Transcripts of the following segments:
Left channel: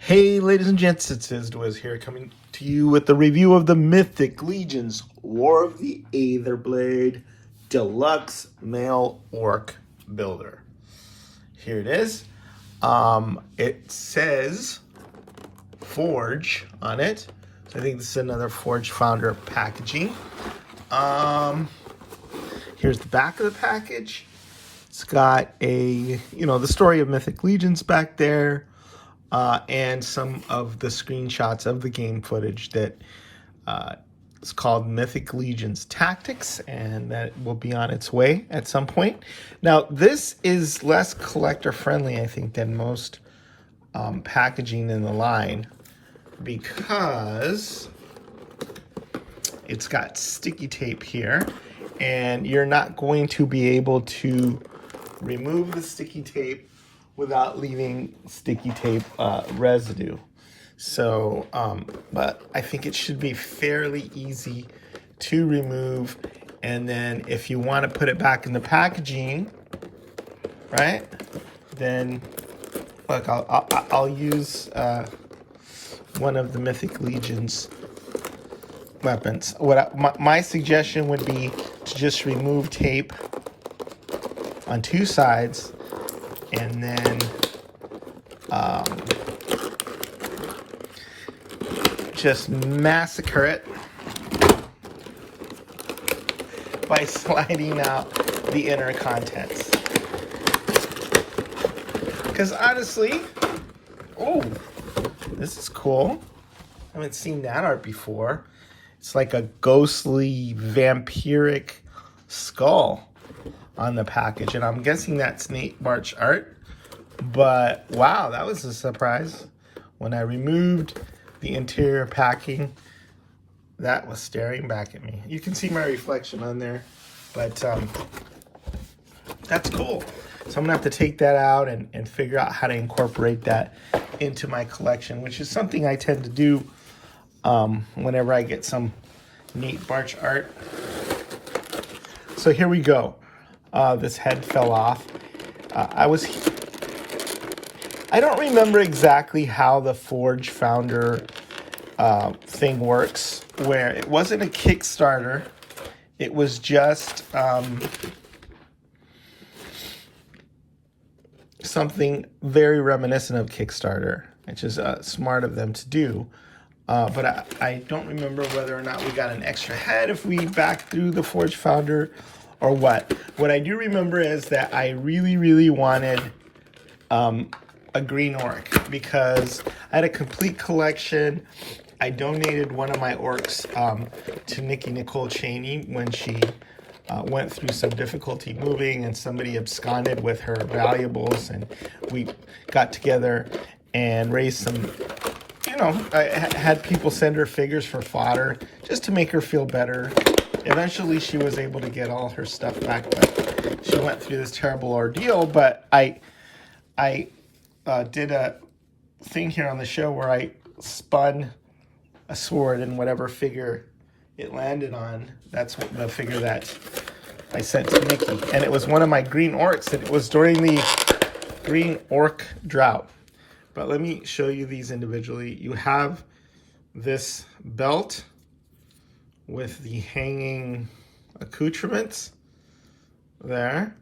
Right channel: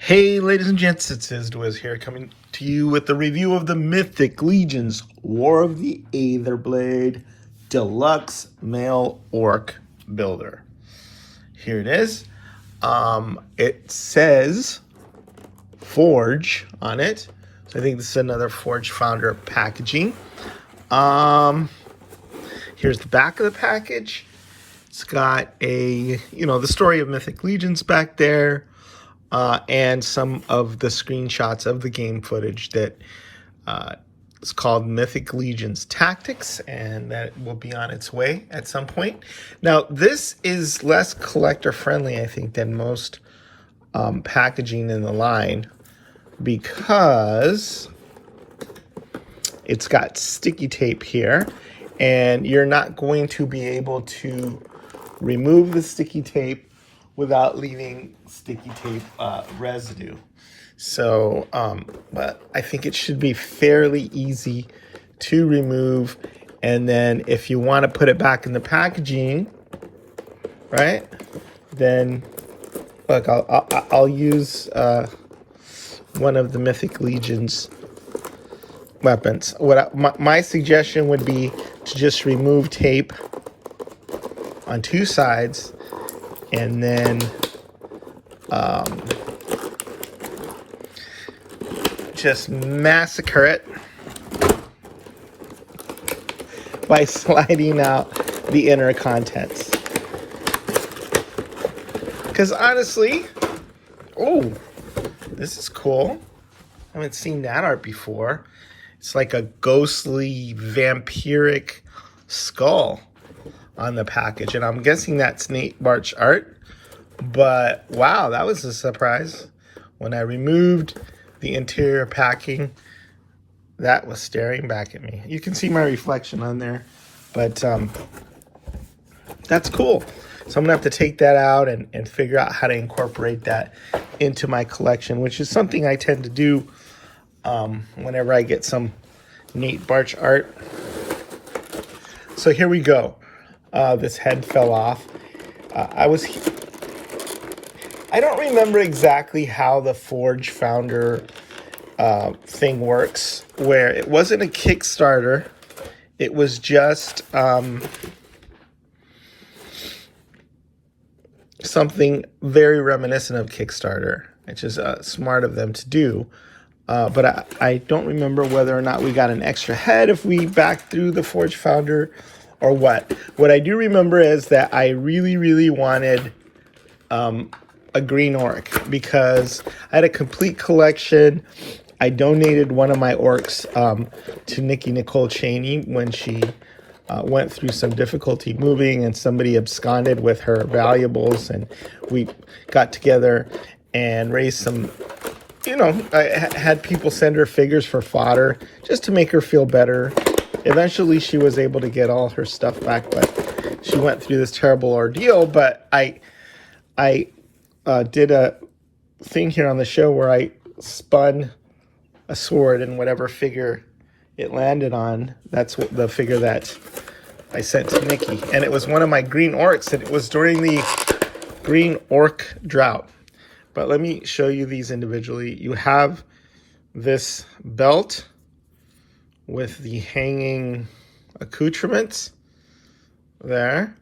Hey ladies and gents, it's Wiz here coming to you with the review of the Mythic Legions War of the Aetherblade Deluxe Male Orc Builder. Here it is. It says Forge on it. So I think this is another Forge Founder packaging. Here's the back of the package. It's got the story of Mythic Legions back there. And some of the screenshots of the game footage that is called Mythic Legions Tactics, and that will be on its way at some point. Now, this is less collector-friendly, I think, than most packaging in the line because it's got sticky tape here, and you're not going to be able to remove the sticky tape without leaving sticky tape residue. So, but I think it should be fairly easy to remove. And then if you want to put it back in the packaging, right, then look, I'll use one of the Mythic Legions weapons. My suggestion would be to just remove tape on two sides and then just massacre it by sliding out the inner contents. Because honestly, oh, this is cool. I haven't seen that art before. It's like a ghostly vampiric skull on the package, and I'm guessing that's Nate Bart's art. But wow, that was a surprise. When I removed the interior packing, that was staring back at me. You can see my reflection on there, but that's cool. So I'm gonna have to take that out and figure out how to incorporate that into my collection, which is something I tend to do whenever I get some Nate Bart's art. So here we go. This head fell off. I don't remember exactly how the Forge Founder thing works, where it wasn't a Kickstarter. It was just something very reminiscent of Kickstarter, which is smart of them to do. But I don't remember whether or not we got an extra head if we backed through the Forge Founder or what. What I do remember is that I really, really wanted a green orc because I had a complete collection. I donated one of my orcs to Nikki Nicole Cheney when she went through some difficulty moving and somebody absconded with her valuables, and we got together and raised some, I had people send her figures for fodder just to make her feel better. Eventually, she was able to get all her stuff back, but she went through this terrible ordeal. But I did a thing here on the show where I spun a sword, and whatever figure it landed on, that's the figure that I sent to Nikki. And it was one of my green orcs, and it was during the green orc drought. But let me show you these individually. You have this belt with the hanging accoutrements there,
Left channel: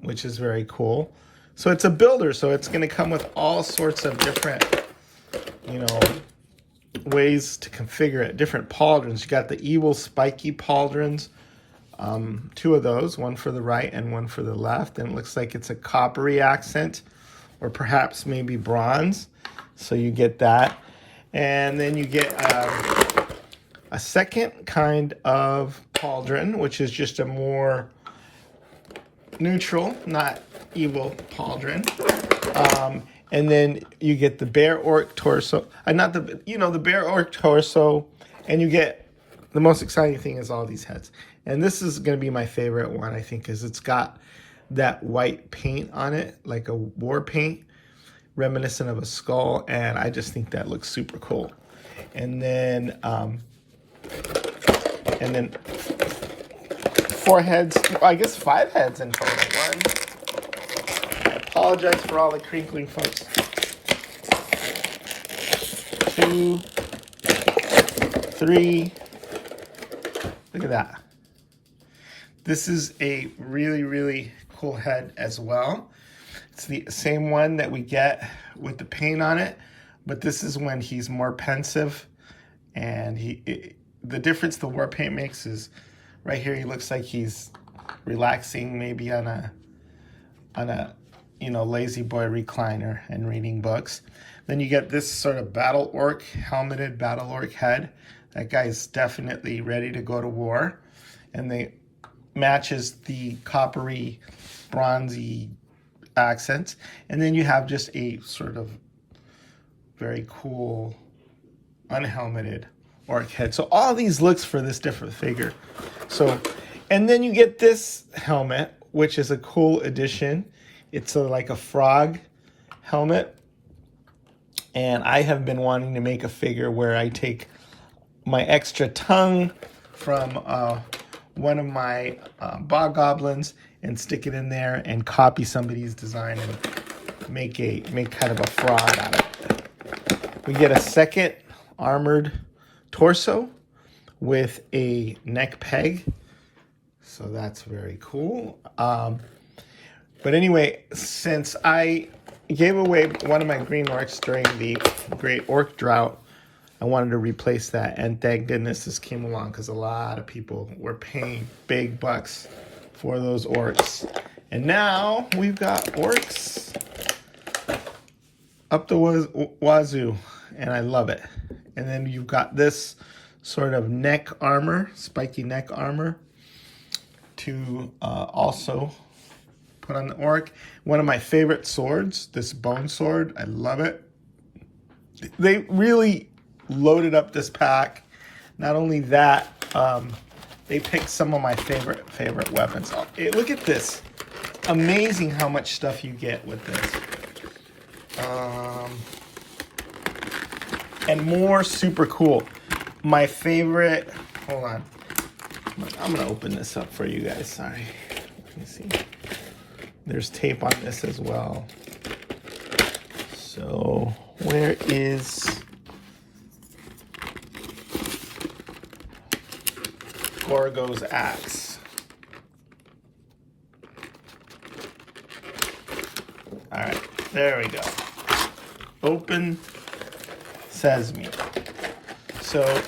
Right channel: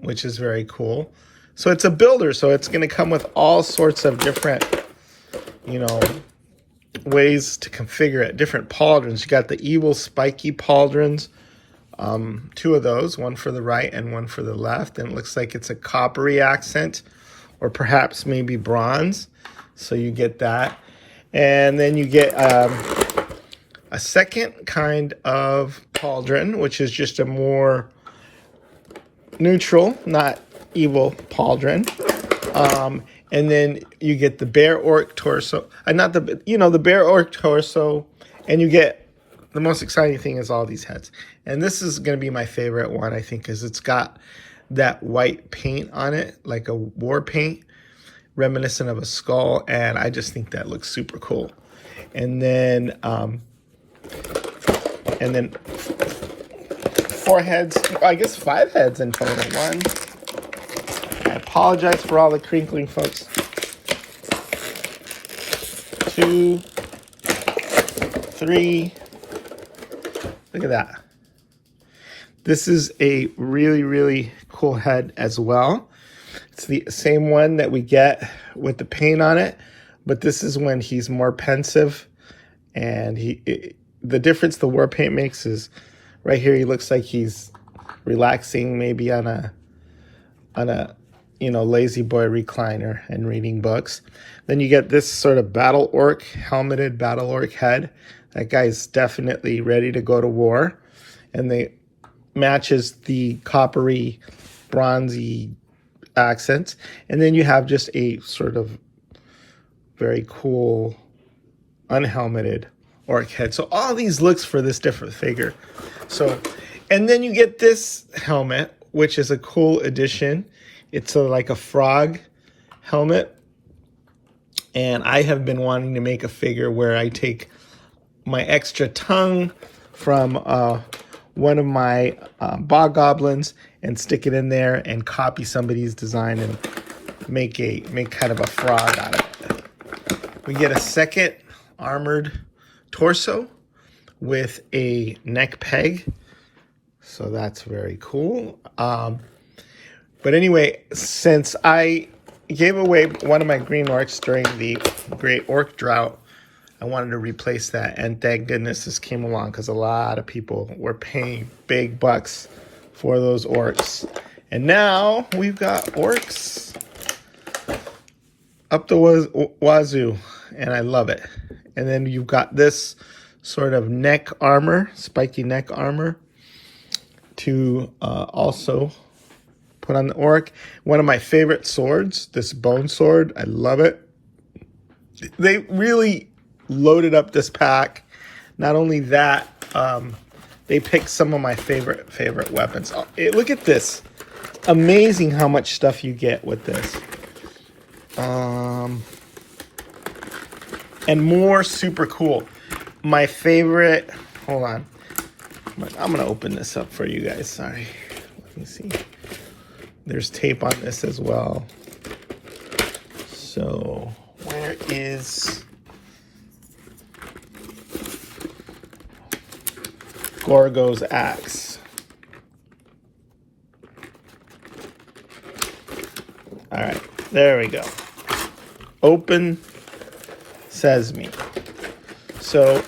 which is very cool. So it's a builder, so it's going to come with all sorts of different, ways to configure it. Different pauldrons. You got the evil spiky pauldrons, two of those, one for the right and one for the left, and it looks like it's a coppery accent, or perhaps maybe bronze. So you get that, and then you get a second kind of pauldron, which is just a more neutral, not evil pauldron. And then you get the bear orc torso, the bear orc torso, and you get the most exciting thing is all these heads. And this is going to be my favorite one, I think, because it's got that white paint on it, like a war paint, reminiscent of a skull, and I just think that looks super cool. And then four heads, I guess 5 heads in total. I apologize for all the crinkling, folks. 2, 3. Look at that. This is a really, really cool head as well. It's the same one that we get with the paint on it, but this is when he's more pensive. And the difference the war paint makes is right here he looks like he's relaxing maybe on a lazy boy recliner and reading books. Then you get this sort of battle orc, helmeted battle orc head. That guy's definitely ready to go to war. And they matches the coppery, bronzy accents. And then you have just a sort of very cool unhelmeted orc head. So all these looks for this different figure. So, and then you get this helmet, which is a cool addition. It's like a frog helmet. And I have been wanting to make a figure where I take my extra tongue from one of my bog goblins and stick it in there and copy somebody's design and make kind of a frog out of it. We get a second armored torso with a neck peg. So that's very cool. But anyway, since I gave away one of my green orcs during the Great Orc Drought, I wanted to replace that. And thank goodness this came along because a lot of people were paying big bucks for those orcs. And now we've got orcs up the wazoo. And I love it. And then you've got this sort of neck armor, spiky neck armor, to also put on the orc. One of my favorite swords, this bone sword. I love it. They really loaded up this pack. Not only that, they picked some of my favorite weapons. Look at this. Amazing how much stuff you get with this. And more super cool. My favorite, hold on. I'm gonna open this up for you guys, sorry. Let me see. There's tape on this as well. So, where is Gorgo's axe? All right, there we go. Open sesame. So,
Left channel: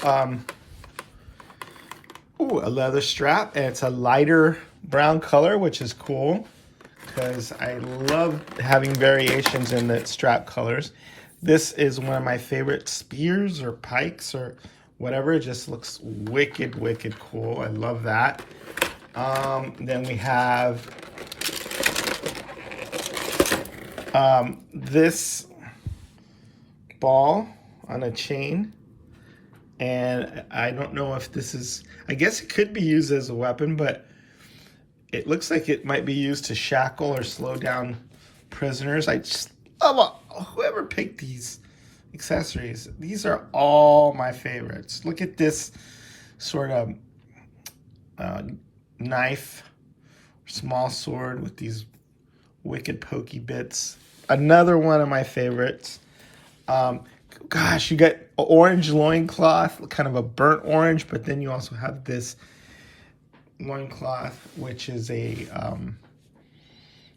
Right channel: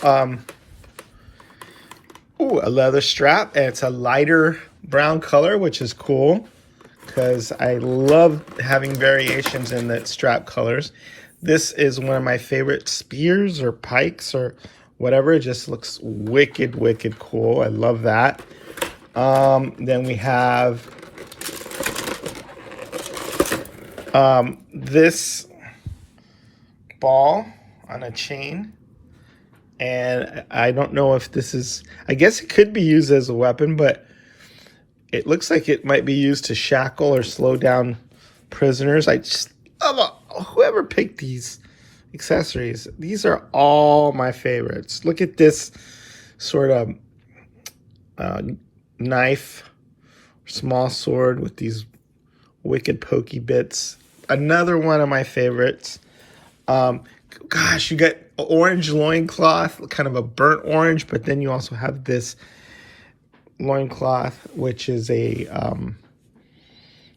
a leather strap, and it's a lighter brown color, which is cool because I love having variations in the strap colors. This is one of my favorite spears or pikes or whatever. It just looks wicked, wicked cool. I love that. Then we have this ball on a chain. And I don't know if this is, I guess it could be used as a weapon, but it looks like it might be used to shackle or slow down prisoners. I just love whoever picked these accessories. These are all my favorites. Look at this sort of knife, small sword with these wicked pokey bits. Another one of my favorites. Gosh, you got orange loincloth, kind of a burnt orange, but then you also have this loincloth, which is a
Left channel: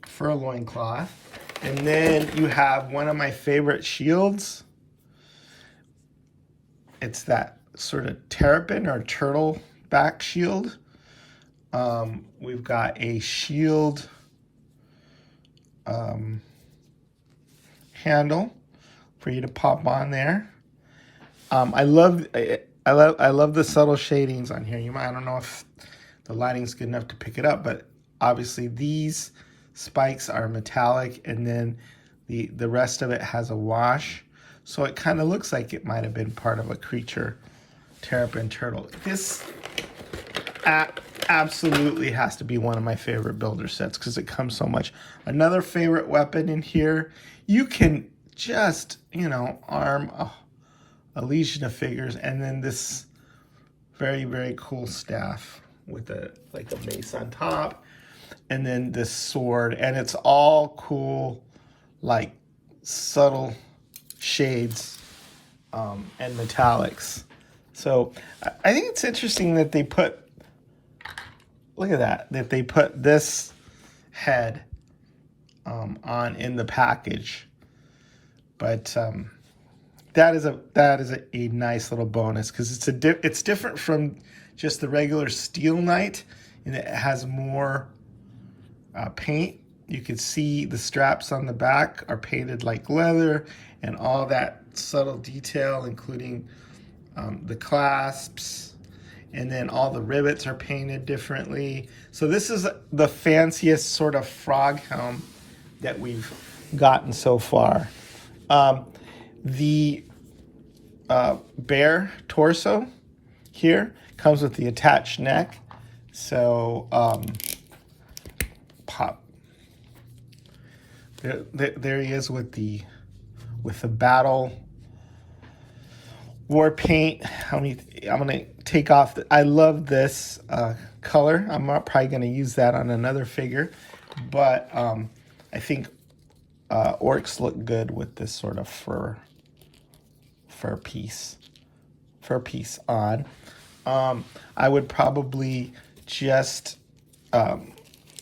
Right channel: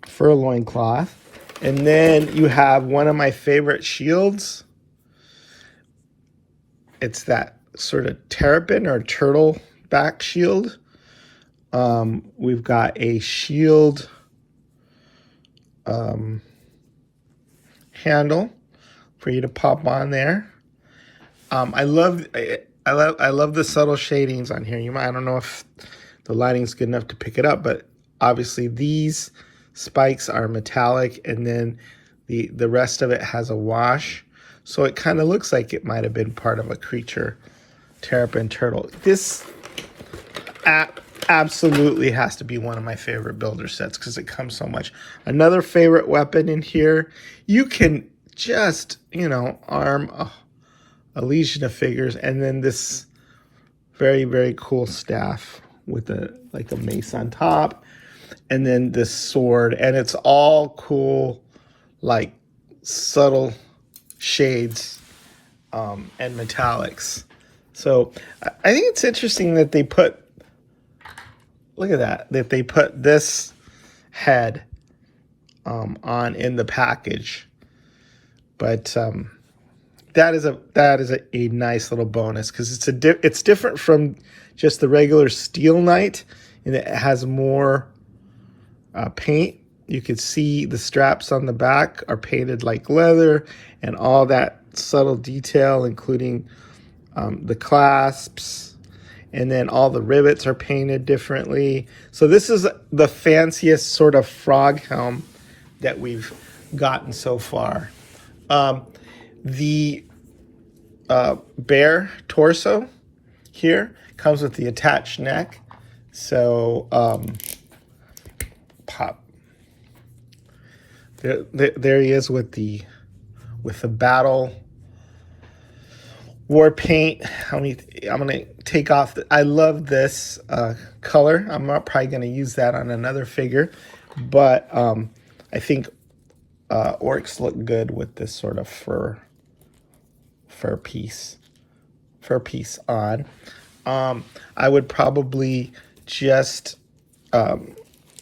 fur loincloth. And then you have one of my favorite shields. It's that sort of terrapin or turtle back shield. We've got a shield handle for you to pop on there. I love the subtle shadings on here. I don't know if the lighting's good enough to pick it up, but obviously these spikes are metallic, and then the rest of it has a wash. So it kind of looks like it might have been part of a creature, terrapin turtle. This absolutely has to be one of my favorite builder sets because it comes so much. Another favorite weapon in here, you can just, arm a legion of figures, and then this very, very cool staff with a mace on top, and then this sword, and it's all cool, like subtle shades and metallics. So I think it's interesting that they put, look at that they put this head on in the package. But that is a nice little bonus, because it's different from just the regular Steel Knight, and it has more paint. You can see the straps on the back are painted like leather, and all that subtle detail, including the clasps, and then all the rivets are painted differently. So this is the fanciest sort of frog helm that we've gotten so far. The bear torso here comes with the attached neck. So pop. There he is with the battle war paint. I'm gonna take off. I love this color. I'm not probably gonna use that on another figure, but I think orcs look good with this sort of fur piece on. I would probably just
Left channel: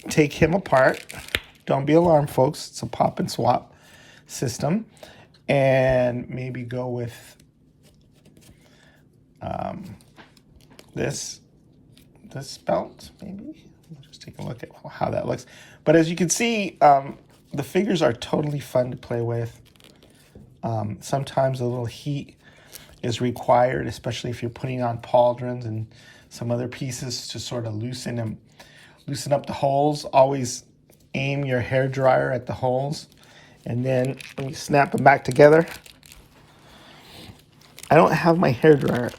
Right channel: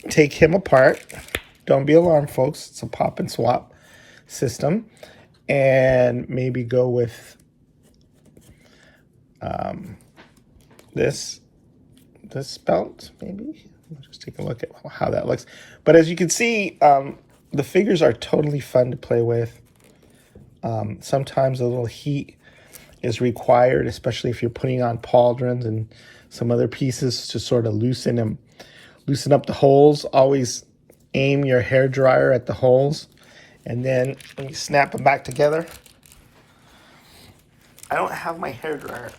take him apart. Don't be alarmed, folks. It's a pop and swap system, and maybe go with this belt. Maybe just take a look at how that looks. But as you can see, the figures are totally fun to play with. Sometimes a little heat is required, especially if you're putting on pauldrons and some other pieces to sort of loosen up the holes. Always aim your hairdryer at the holes, and then when you snap them back together. I don't have my hairdryer.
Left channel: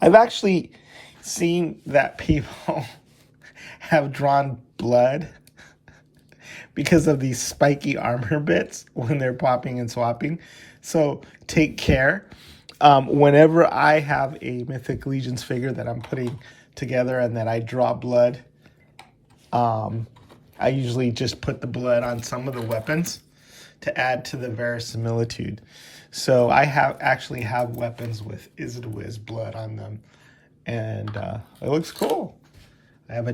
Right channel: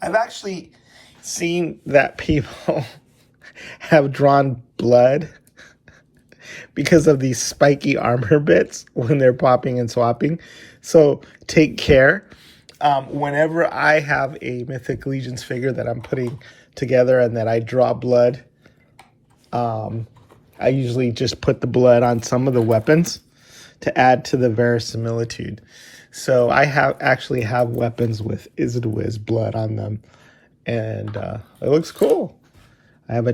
I've actually seen that people have drawn blood because of these spiky armor bits when they're popping and swapping. So take care. Whenever I have a Mythic Legions figure that I'm putting together and that I draw blood, I usually just put the blood on some of the weapons to add to the verisimilitude. So I actually have weapons with Izidwiz blood on them, and it looks cool. I have a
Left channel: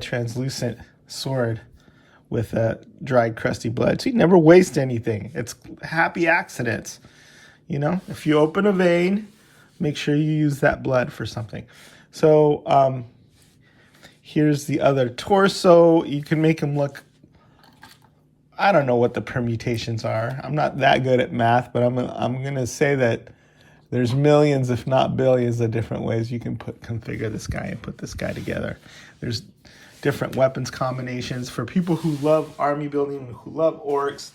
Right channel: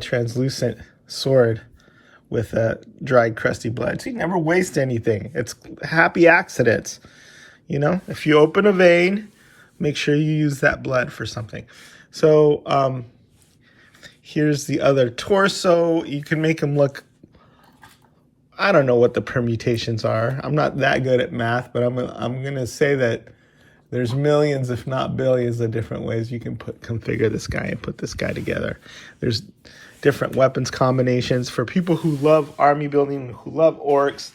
translucent sword with a dried crusty blood. So you never waste anything. It's happy accidents. You know, if you open a vein, make sure you use that blood for something. So here's the other torso. You can make them look, I don't know what the permutations are. I'm not that good at math, but I'm gonna say that there's millions, if not billions, of different ways you can configure this guy and put this guy together. There's different weapons combinations for people who love army building, who love orcs,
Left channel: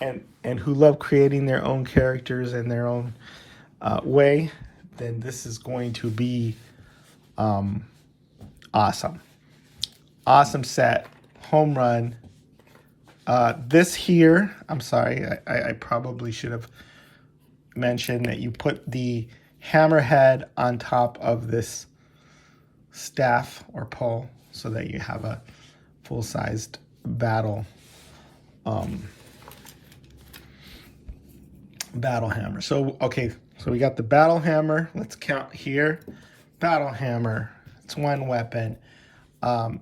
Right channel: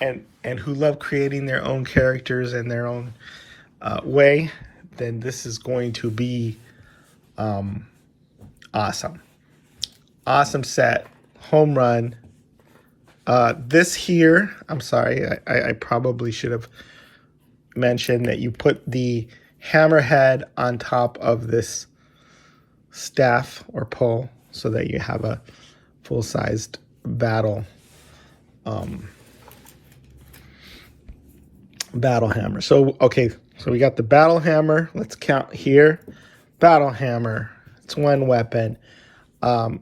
and who love creating their own characters in their own way. Then this is going to be awesome. Awesome set, home run. This here, I'm sorry, I probably should have mentioned that you put the hammerhead on top of this staff or pole so that you have a full-sized battle hammer. So, okay, so we got the battle hammer. Let's count here. Battle hammer, it's one weapon.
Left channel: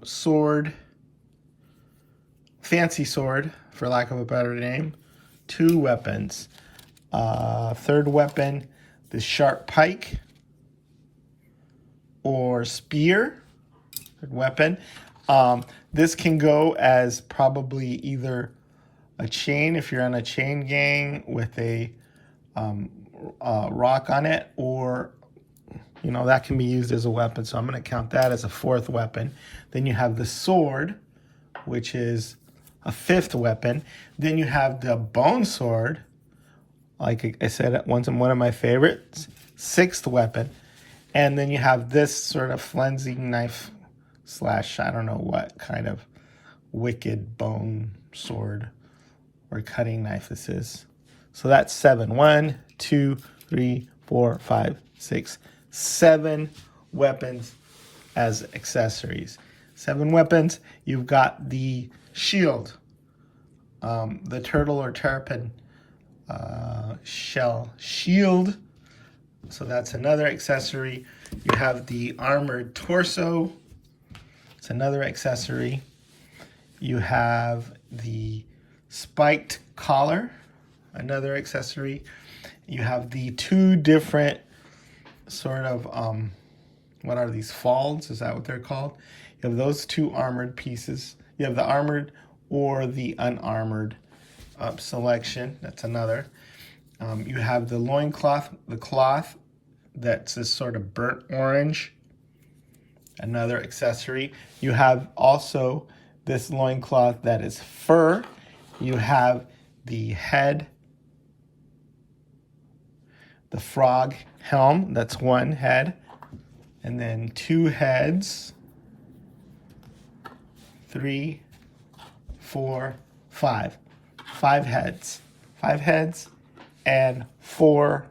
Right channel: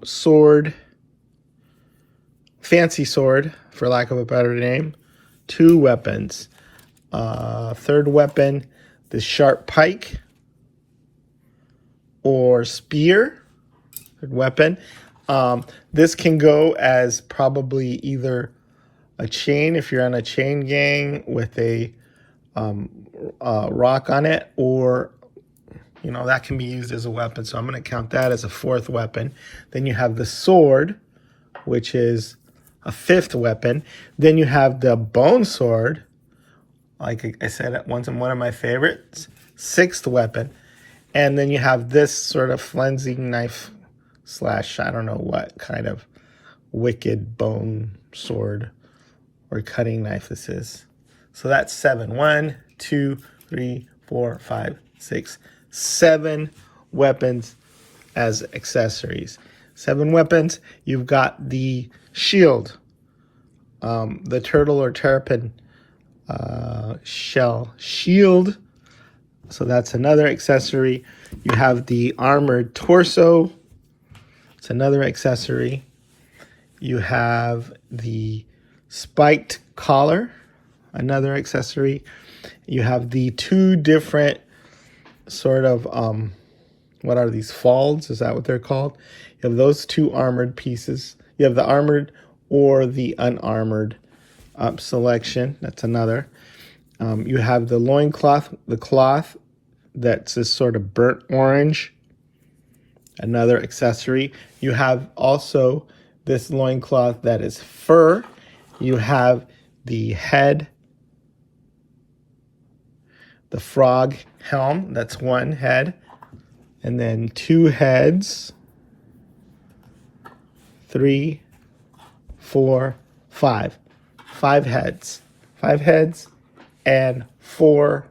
Sword, fancy sword, for lack of a better name, 2 weapons. Third weapon, the sharp pike or spear. Third weapon. This can go as probably either a chain if you're on a chain gang with a rock on it, or you know, that can be used as a weapon. So I'm going to count that as a 4th weapon. Then you have the sword, which is a 5th weapon. Then you have the bone sword, like I said, one of my favorites, 6th weapon. And then you have this sort of flensing knife / I don't know what kind of wicked bone sword or cutting knife this is. So that's 7. 1, 2, 3, 4, 5, 6, 7 weapons as accessories. 7 weapons. You've got the shield, the turtle or terrapin shell shield. So that's another accessory. You have the armored torso. It's another accessory. You have the spiked collar, another accessory. You have the two different sort of, what are these, folds? Is that what they're called? You have those two armored pieces. You have the armored or the unarmored selection. That's another. You have the loincloth, the cloth that's this sort of burnt orange, another accessory. You have also this loincloth that is fur. You have the head, the frog helm, that's one head, and then two heads, 3, 4, 5. 5 heads. 5 heads and 4,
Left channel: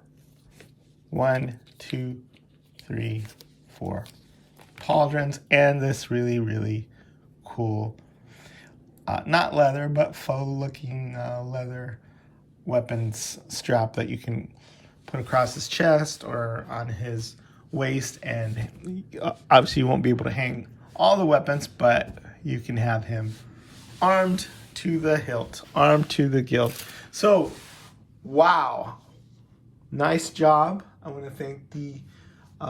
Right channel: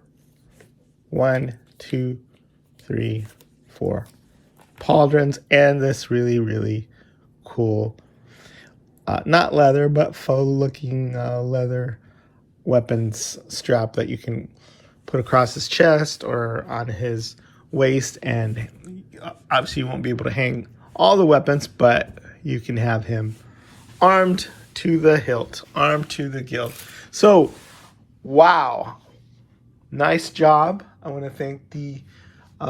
1, 2, 3, 4 pauldrons, and this really, really cool, not leather, but faux looking leather weapons strap that you can put across his chest or on his waist. And obviously you won't be able to hang all the weapons, but you can have him armed to the hilt, armed to the gilt. So, wow, nice job. I want to thank the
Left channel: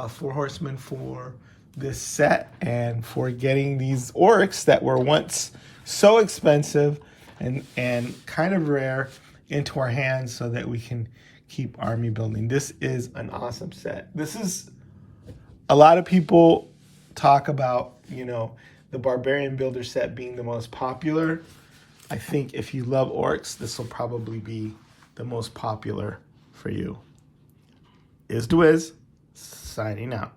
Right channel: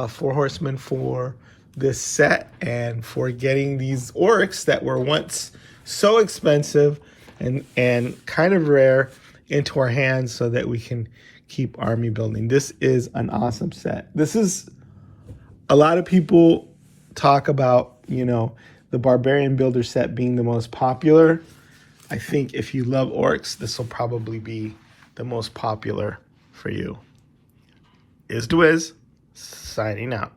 Four Horsemen for this set and for getting these orcs that were once so expensive and kind of rare into our hands so that we can keep army building. This is an awesome set. This is, a lot of people talk about, you know, the Barbarian Builder set being the most popular. I think if you love orcs, this will probably be the most popular for you. Is signing out.